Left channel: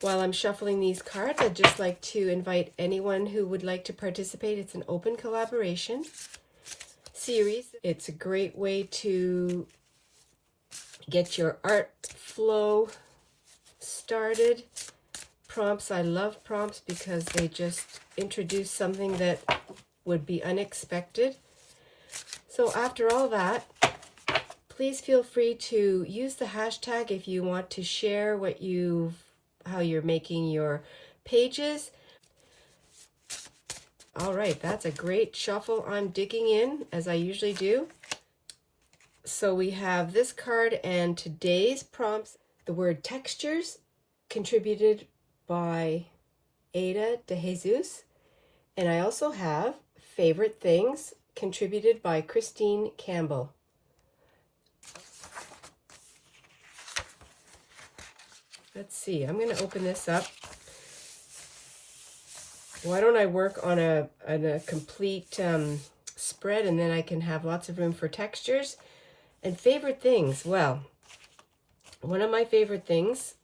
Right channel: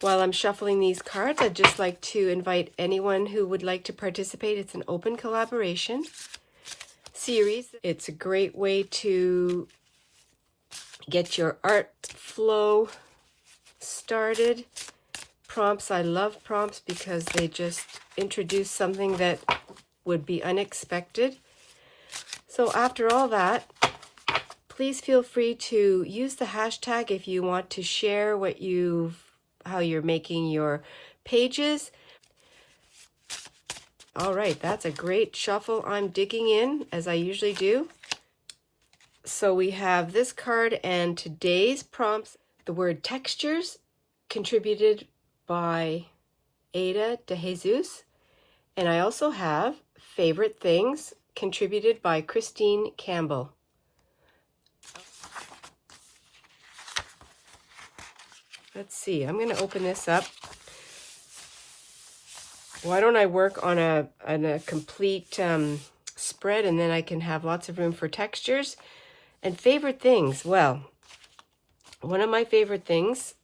While I'm shuffling these cards, I'd just like to invite anyone who would like to participate. It's an open collaboration series. It's a great way to get your art flow started. Prompts, I love prompts because they just introduce something that would be unexpected. So after all that, please feel free to use the hashtag if you want to share how you're making your pages. All right, that's a great shuffle. I'm digging in as I usually do. So we have this card and today's prompts. The word textures, contributed by Ada de Jesus. And I also have favorite things, contributed by Christine Campbell. Let's see, I'm going to open this up. Why don't I work on a complete spread, and then I can have lots of room for textures. And favorite things, well, one of my favorite things,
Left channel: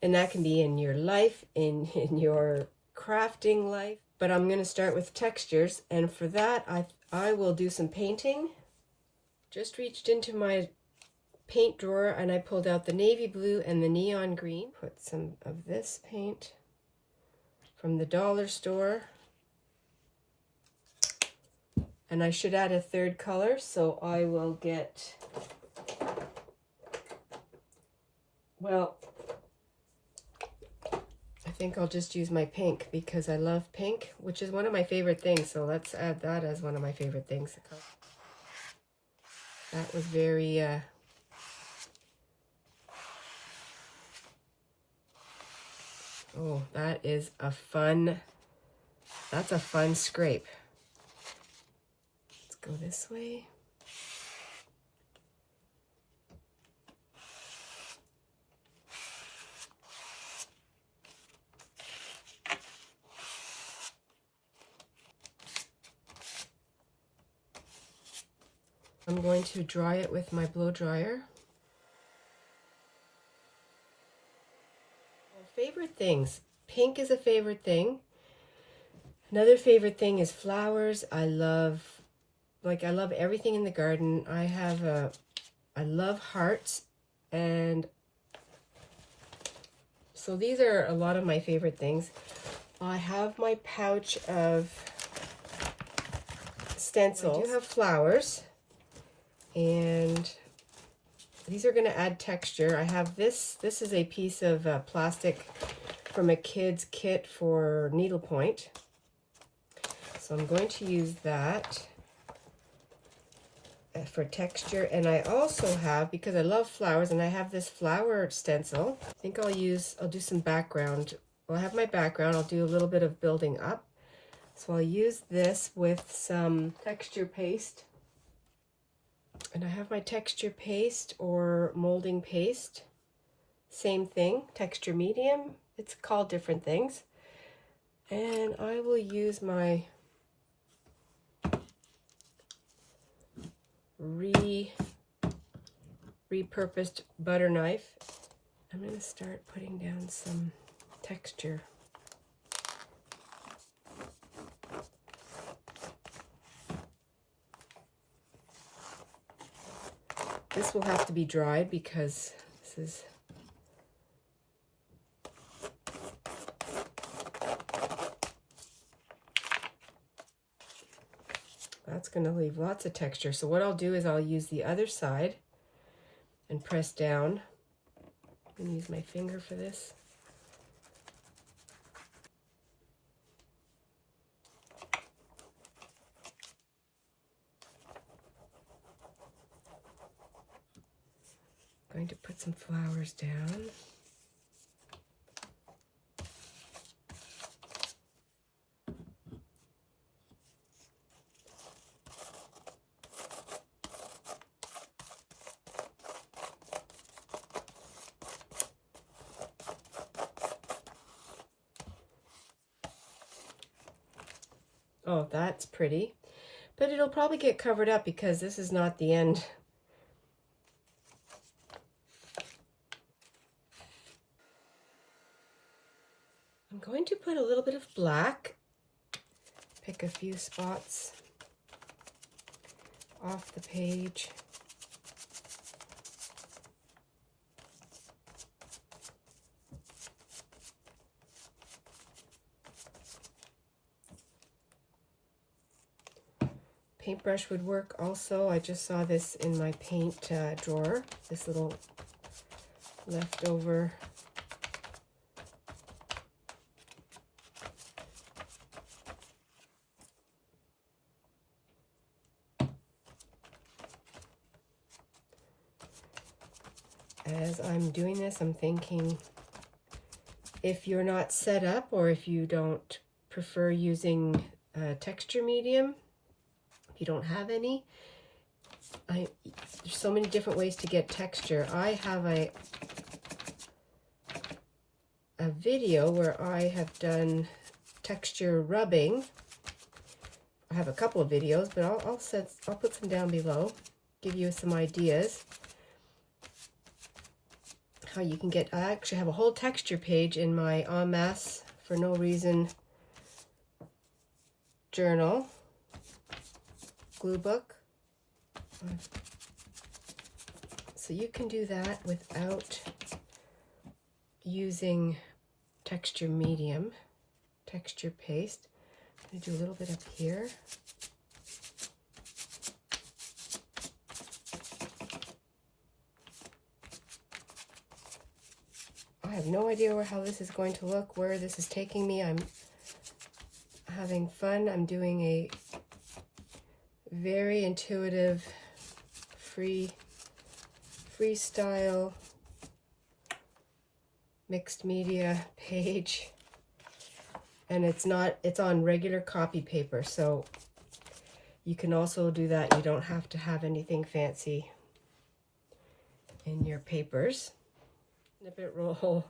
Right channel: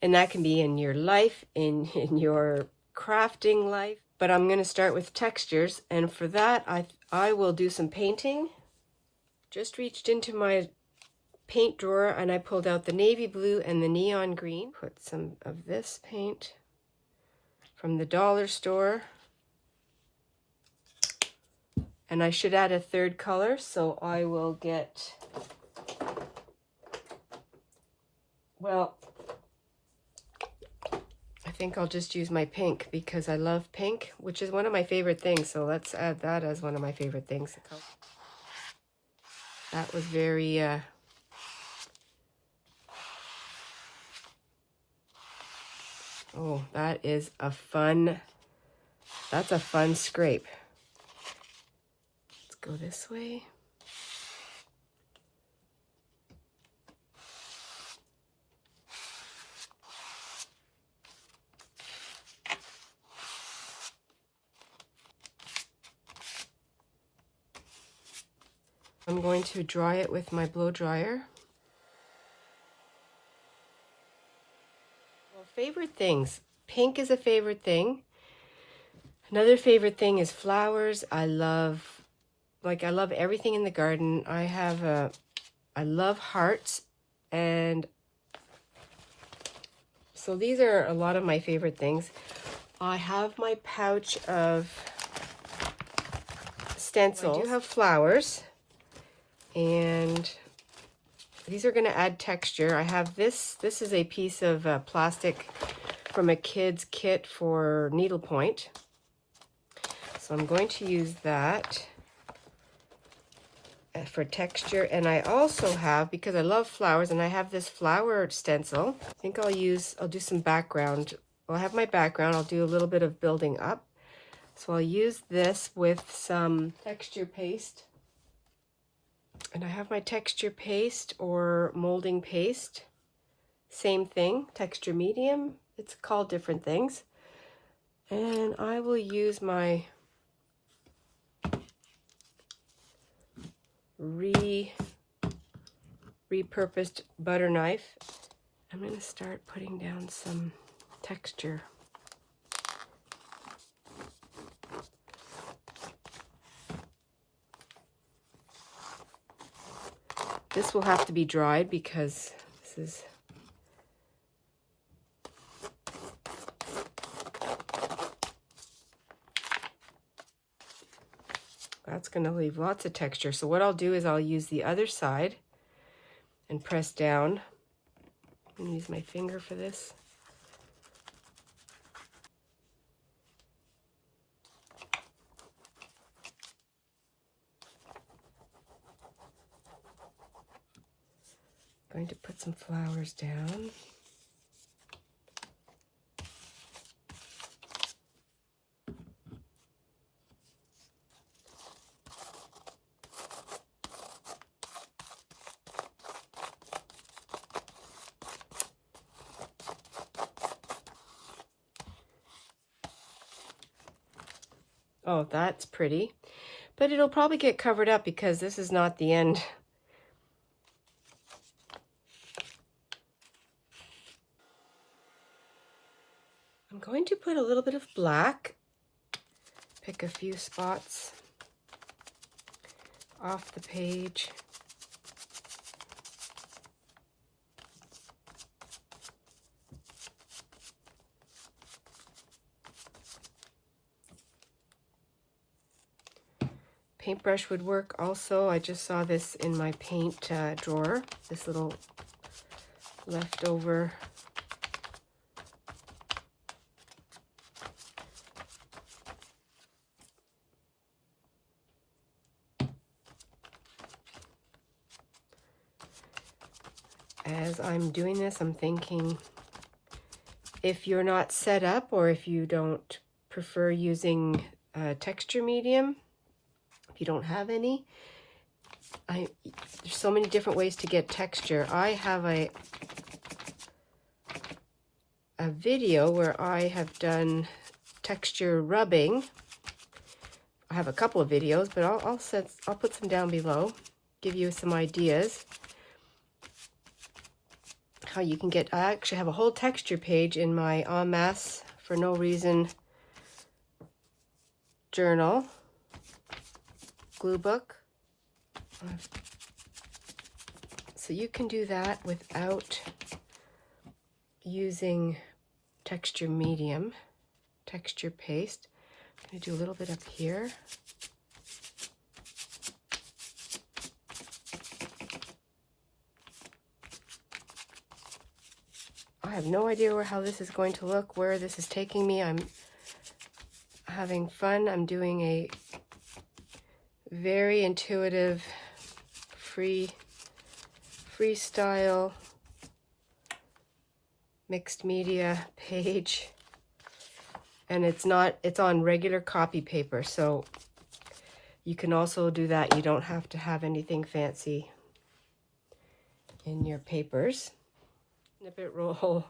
and that can be in your life, in your crafting life, but I'm going to start with textures. And for that, I will do some painting. Just reached into my paint drawer and I pulled out the navy blue and the neon green. Put some of this paint from the dollar store. And I should add a third color, so I will get, well, I think I'll just use my pink because I love pink, which is one of my favorite things. So let's add that as one of my favorite things. That was very, oh, that's a fun scrape. Let's go this way. I'm going to dry it with my blow dryer. Well, favorite things. Pink is a favorite thing. Another favorite thing is flowers. I love everything in the garden. I love hearts, and so these are a lot of my favorite things. I have my pouch of stencils. I do have flowers, and these are going to add texture. I have this is a piece of plastic from a kid's kit for needlepoint. So I'm going to use that for texture. And I also have, because I love flowers, and I have this flower stencil. I think I'll do some background. I'll have my background. I'll do a little bit of building up. So I'll use this with some texture paste. And I have my texture paste or molding paste. Same thing, texture medium. It's called different things. And I will use my repurposed butter knife. I'm going to start putting down some texture. This will have to be dried because this is that's going to leave lots of texture. So what I'll do is I'll use the other side and press down. I'm going to use my finger for this. I'm going to put some flowers down. Oh, that's pretty, but it'll probably get covered up because this is not the end. I'm going to put a little bit of black, pick a few spots off the page. Paintbrush would work also. I just saw this in my paint drawer, this little leftover as I'm doing this, I'm thinking if you're not set up or if you don't prefer using texture medium, if you don't have any, there's so many different ways to get texture. I have a video where I have done texture rubbing. I have a couple of videos, but I'll put some down below, give you some ideas how you can get. I actually have a whole texture page in my En Masse for No Reason journal glue book. So you can do that without using texture medium, texture paste. I'm going to do a little bit up here. I have no idea how this is going to look, where this is taking me. I'm having fun. I'm doing a very intuitive, freestyle mixed media page, and it's on regular copy paper, so you can also do that. You don't have to have anything fancy in your papers. Snippet roll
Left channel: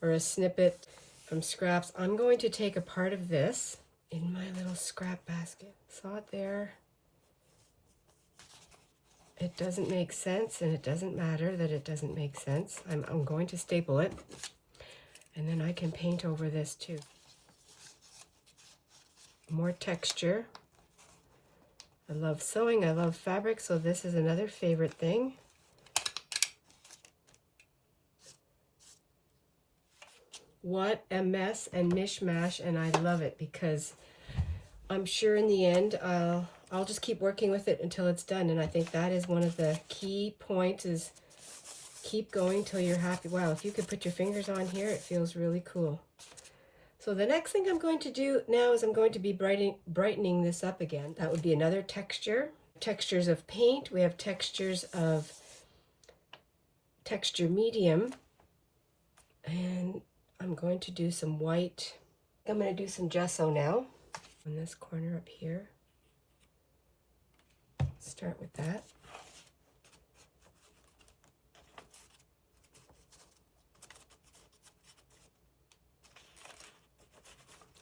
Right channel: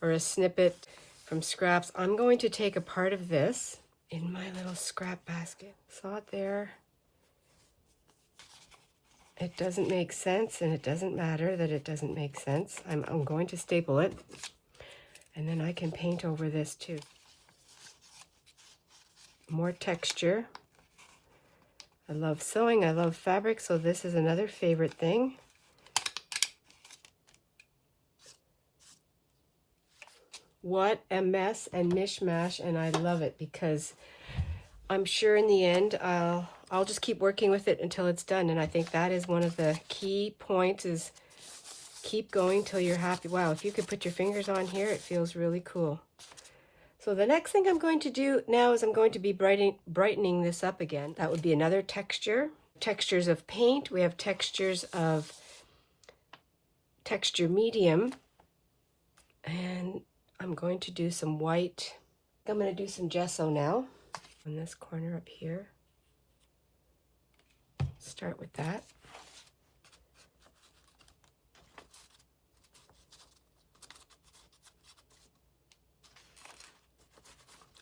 or a snippet from scraps. I'm going to take a part of this in my little scrap basket. Saw it there. It doesn't make sense, and it doesn't matter that it doesn't make sense. I'm going to staple it, and then I can paint over this too. More texture. I love sewing, I love fabric, so this is another favorite thing. What a mess and mishmash, and I love it because I'm sure in the end I'll just keep working with it until it's done, and I think that is one of the key points, is keep going till you're happy. Wow, if you could put your fingers on here, it feels really cool. So the next thing I'm going to do now is I'm going to be brightening this up again. That would be another texture. Textures of paint. We have textures of texture medium, and I'm going to do some white. I'm going to do some gesso now on this corner up here. Start with that.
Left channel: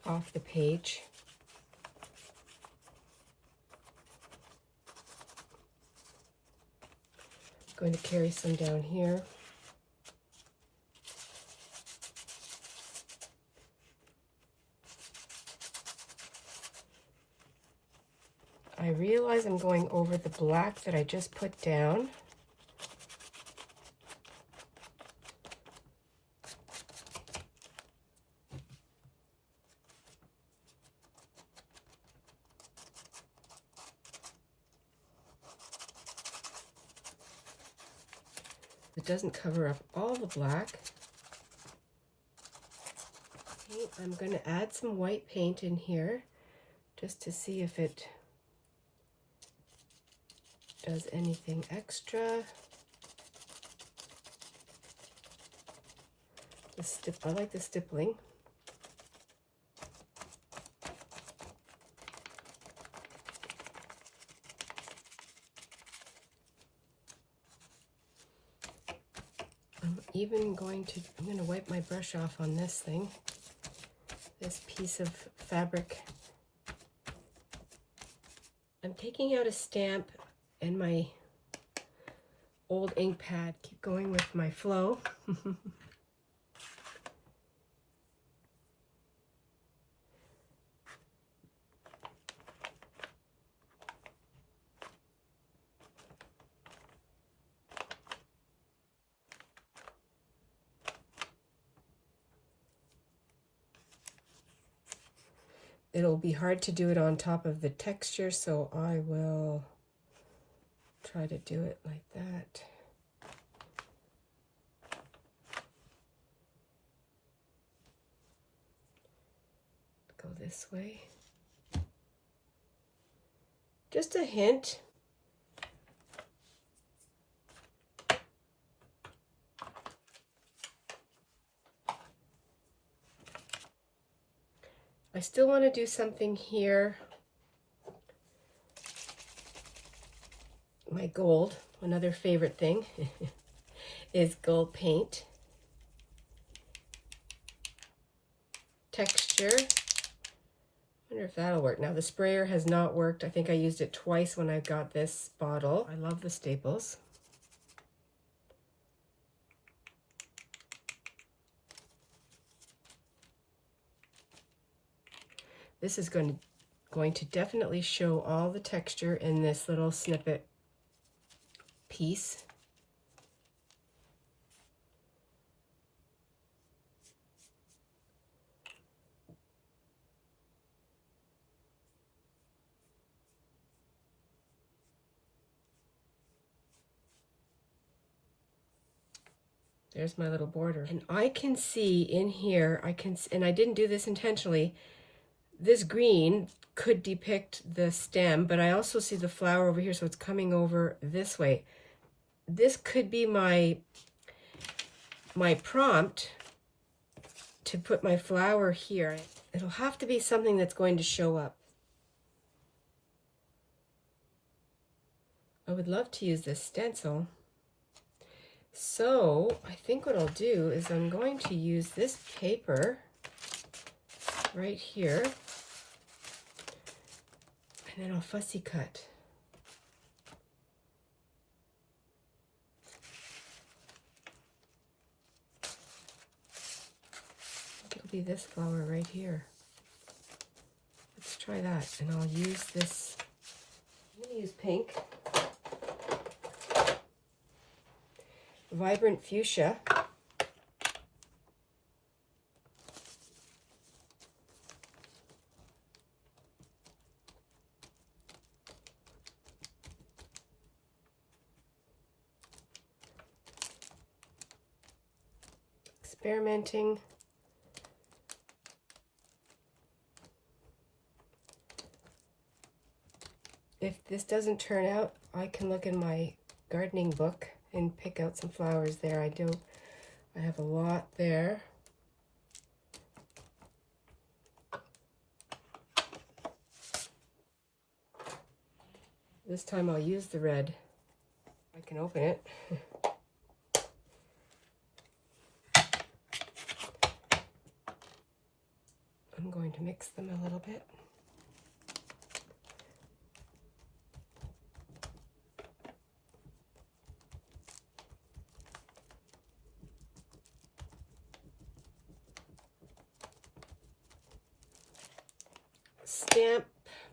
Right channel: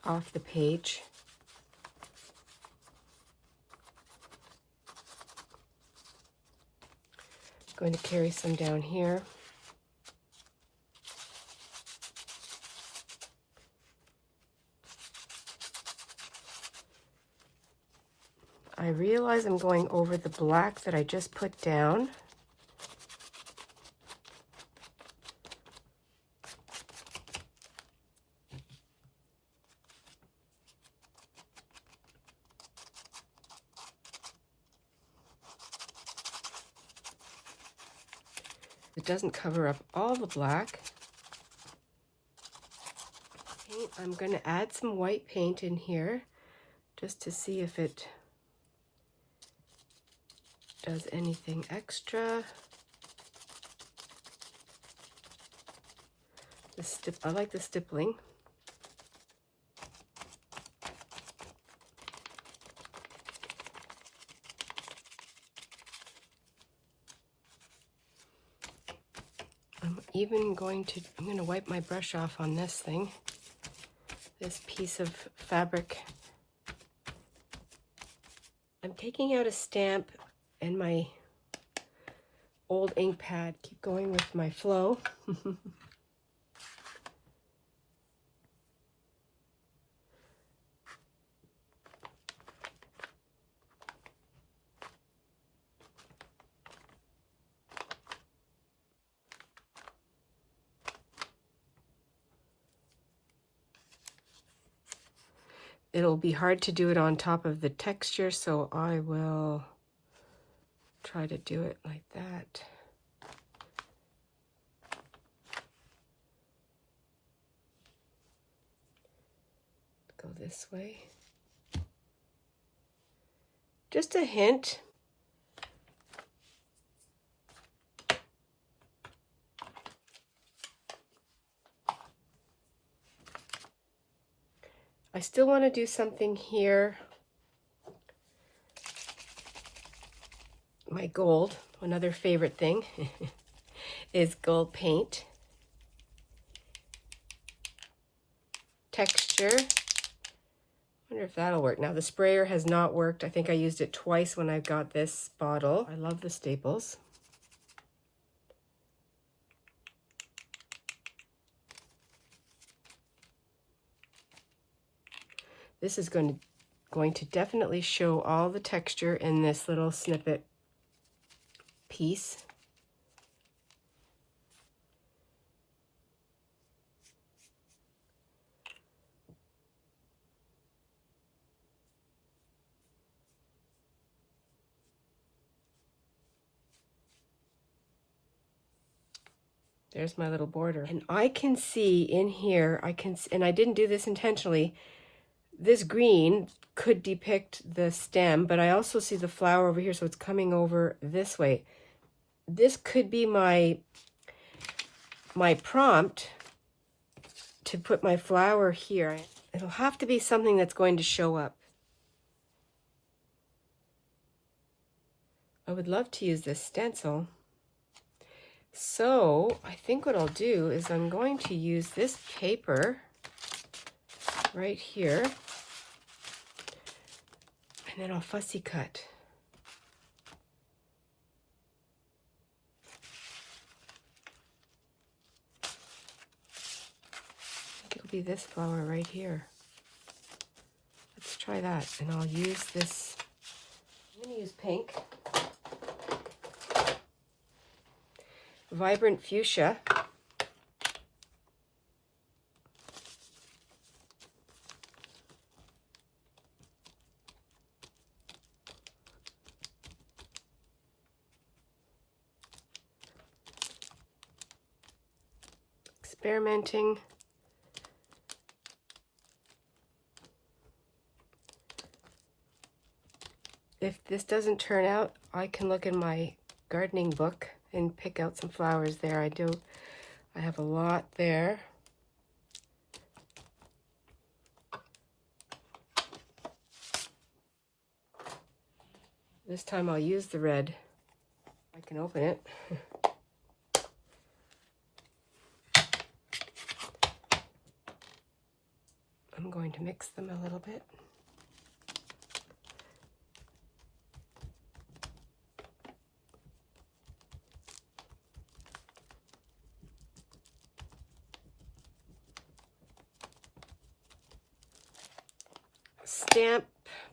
Off the page. I'm going to carry some down here. I realize I'm going over the black that I just put down. It doesn't cover up all the black. I'm going to add some white paint in here just to see if it does anything extra. I like the stippling. I'm going to wipe my brush off on this thing, this piece of fabric. I'm taking out a stamp and my old ink pad. Keep going with my flow. it'll be hard to do it on top of the texture, so I will try to do it like that. Go this way. Just a hint. I still want to do something here. My gold, another favorite thing, is gold paint. Texture. Wonder if that'll work. Now the sprayer has not worked. I think I used it twice when I got this bottle. I love the staples. This is going to definitely show all the texture in this little snippet piece. There's my little border. And I can see in here, and I didn't do this intentionally, this green could depict the stem, but I also see the flower over here, so it's coming over this way. This could be my prompt to put my flower here. It'll have to be something that's going to show up. I would love to use this stencil. So I think what I'll do is I'm going to use this paper right here, and then I'll fussy cut. I think it'll be this flower right here. Let's try that, and I'll use this. I'm going to use pink. Vibrant fuchsia. Experimenting. If this doesn't turn out, I can look in my gardening book and pick out some flowers there. I have a lot there. This time I'll use the red. I can open it. I'm going to mix them a little bit. Stamp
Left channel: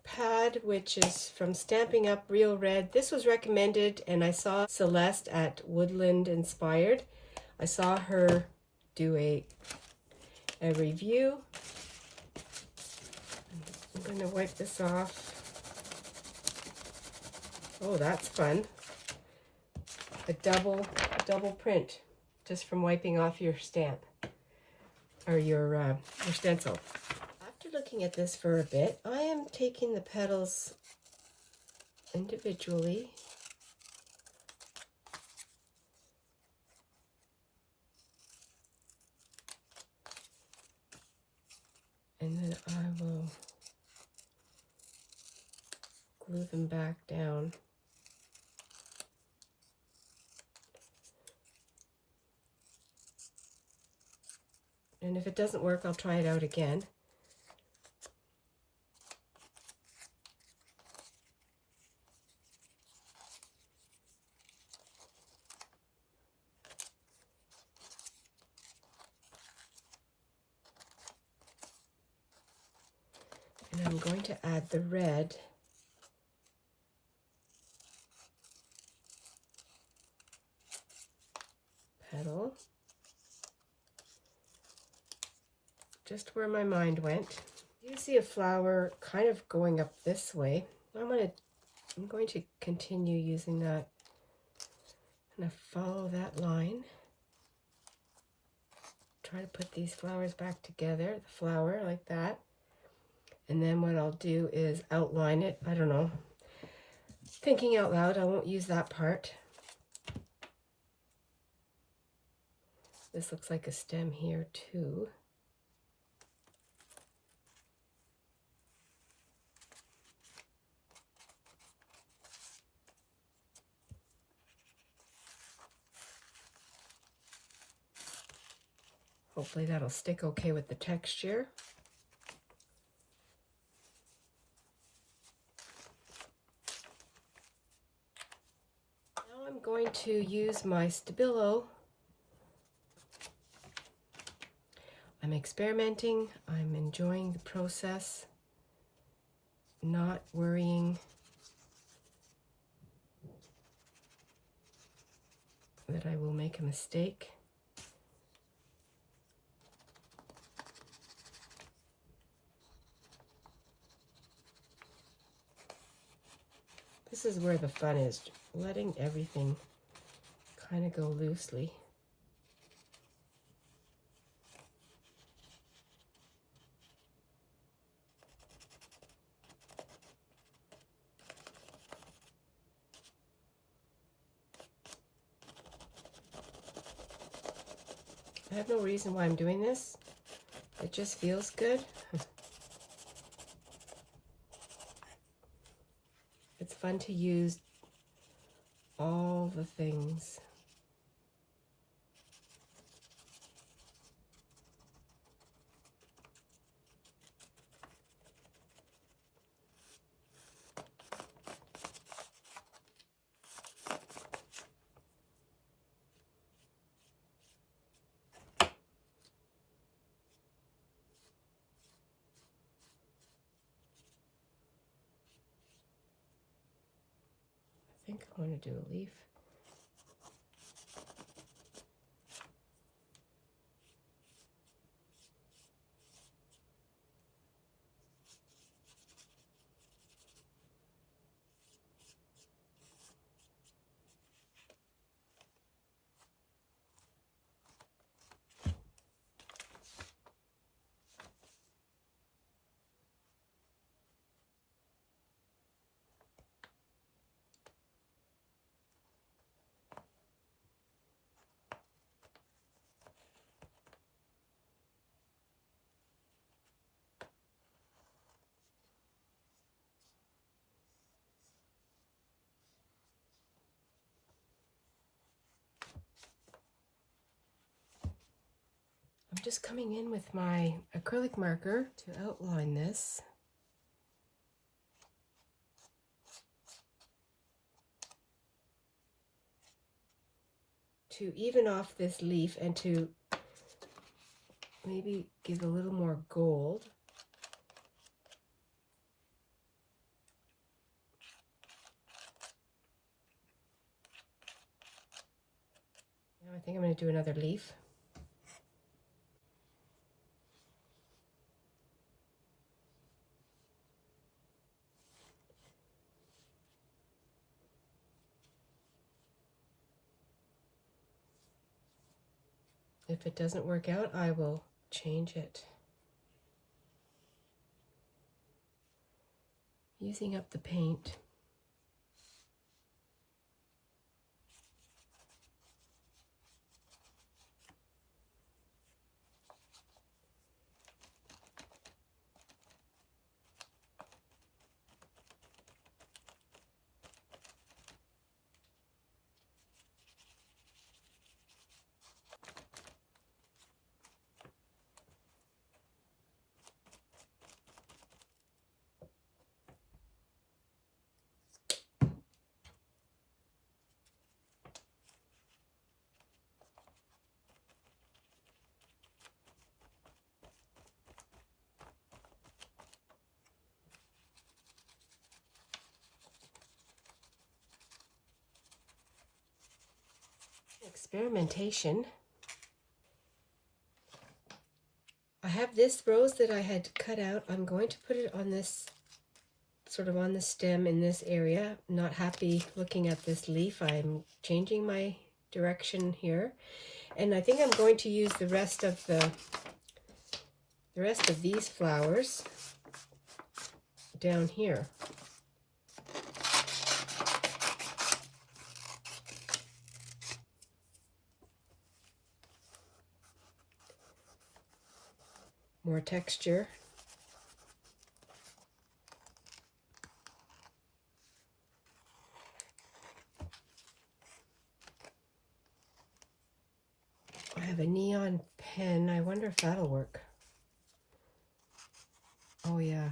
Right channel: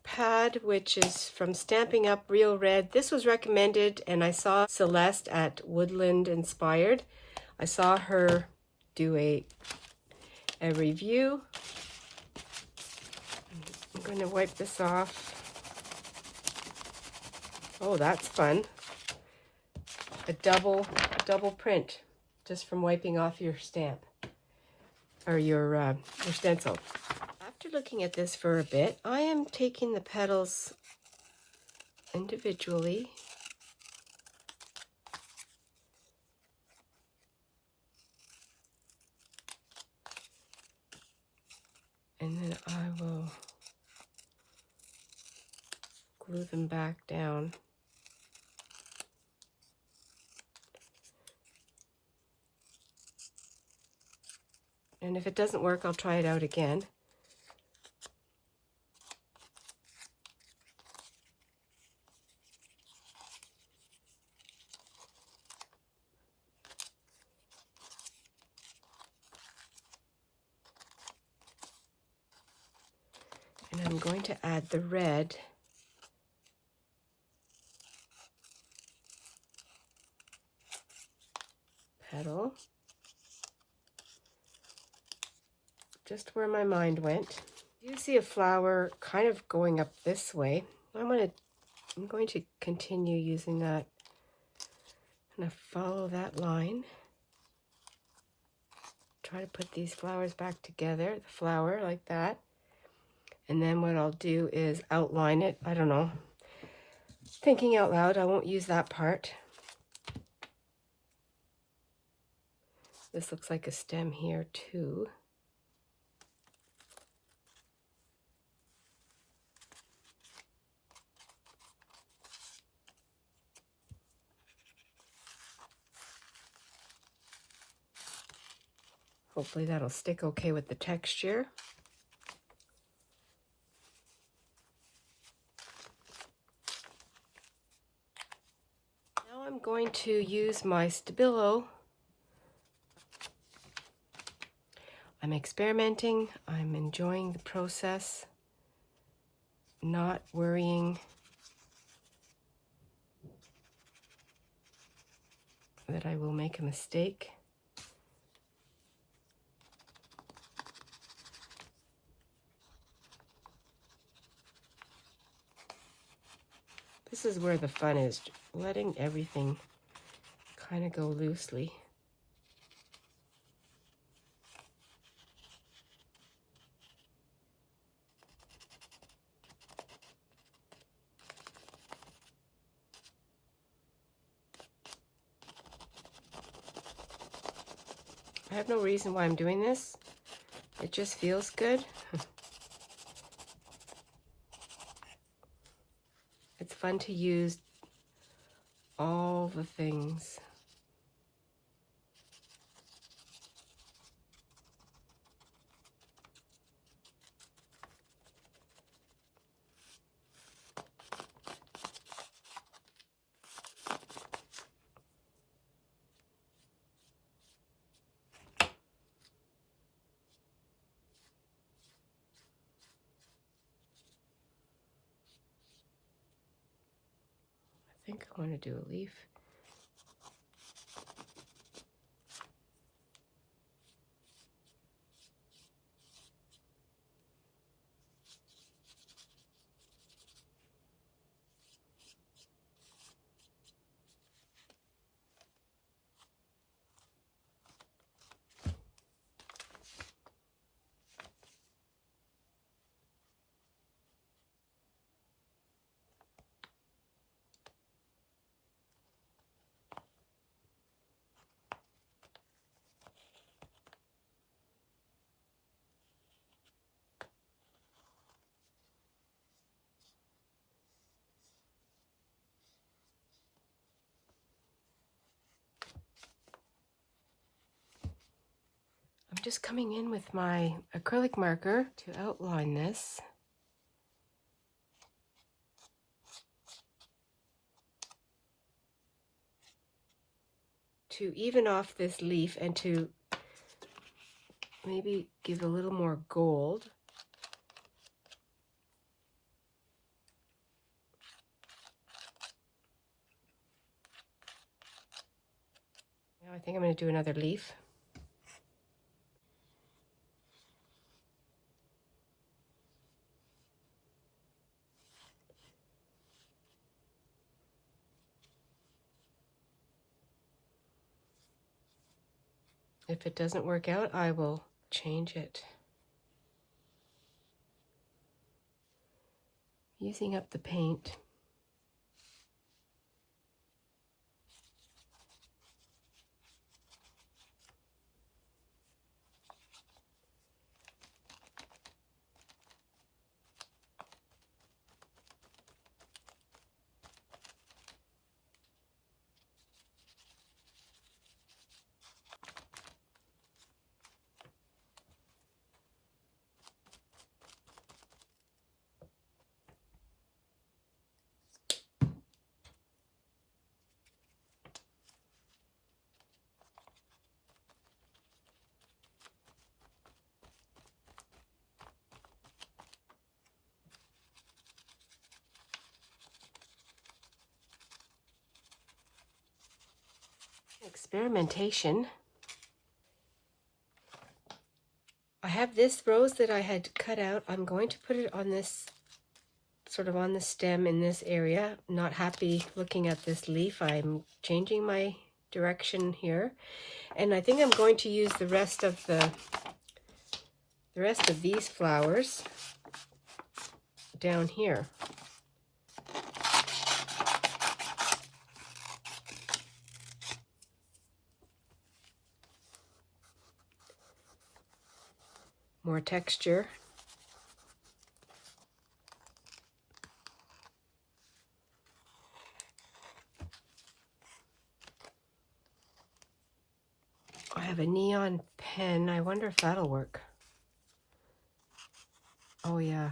pad, which is from Stampin' Up! Real Red. This was recommended, and I saw Celeste at Woodland Inspired. I saw her do a review. I'm going to wipe this off. Oh, that's fun. A double print just from wiping off your stamp or your stencil. After looking at this for a bit, I am taking the petals individually and then I will glue them back down. And if it doesn't work, I'll try it out again. And I'm going to add the red. Petal. Just where my mind went. You see a flower kind of going up this way. I'm going to continue using that. I'm going to follow that line. Try to put these flowers back together, the flower like that. And then what I'll do is outline it. I don't know. Thinking out loud, I won't use that part. This looks like a stem here too. Hopefully that'll stick okay with the texture. Now I'm going to use my Stabilo. I'm experimenting, I'm enjoying the process, not worrying that I will make a mistake. This is where the fun is, letting everything kind of go loosely. I have no reason why I'm doing this. It just feels good. It's fun to use all the things. I think I want to do a leaf. I'm just coming in with my acrylic marker to outline this. To even off this leaf and to maybe give a little more gold. Now I think I'm going to do another leaf. If it doesn't work out, I will change it. Using up the paint. Experimentation. I have this rose that I had cut out. I'm going to put it on this, sort of on the stem in this area. Not happy looking at this leaf. I'm changing my direction here. And I think I'm going to use the rest of these flowers down here. More texture. I have a neon pen. I wonder if that'll work. Oh yeah.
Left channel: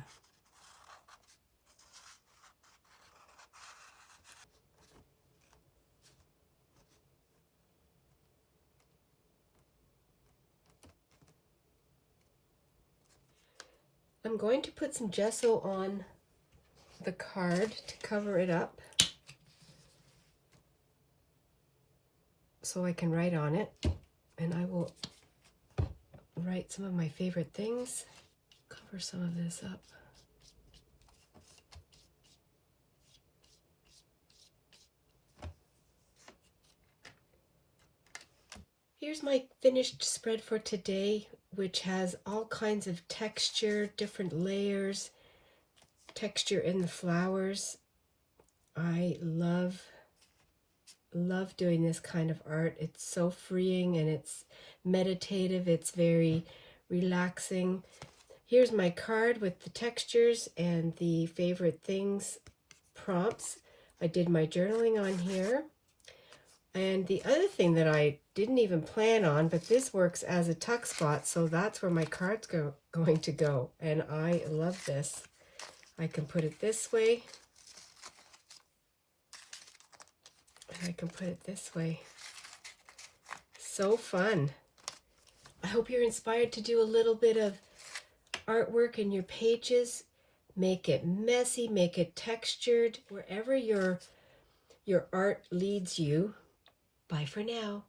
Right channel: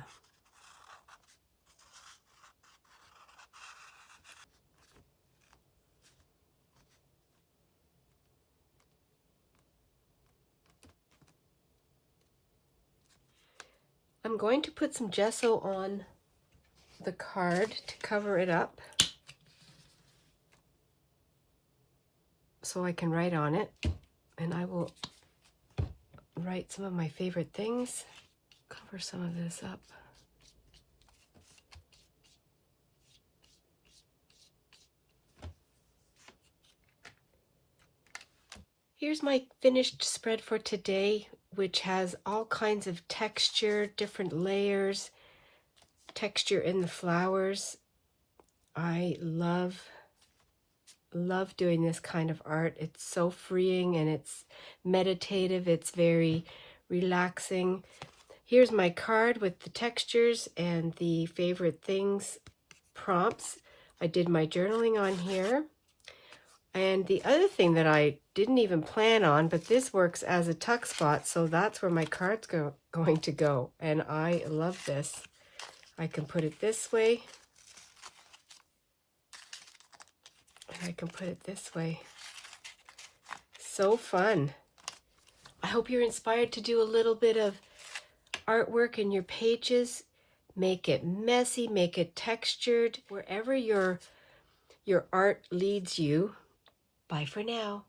I'm going to put some gesso on the card to cover it up so I can write on it, and I will write some of my favorite things. Cover some of this up. Here's my finished spread for today, which has all kinds of texture, different layers, texture in the flowers. I love doing this kind of art. It's so freeing and it's meditative. It's very relaxing. Here's my card with the textures and the favorite things prompts. I did my journaling on here. And the other thing that I didn't even plan on, but this works as a tuck spot, so that's where my card's going to go. And I love this. I can put it this way. I can put it this way. So fun. I hope you're inspired to do a little bit of artwork in your pages. Make it messy, make it textured. Wherever your art leads you. Bye for now.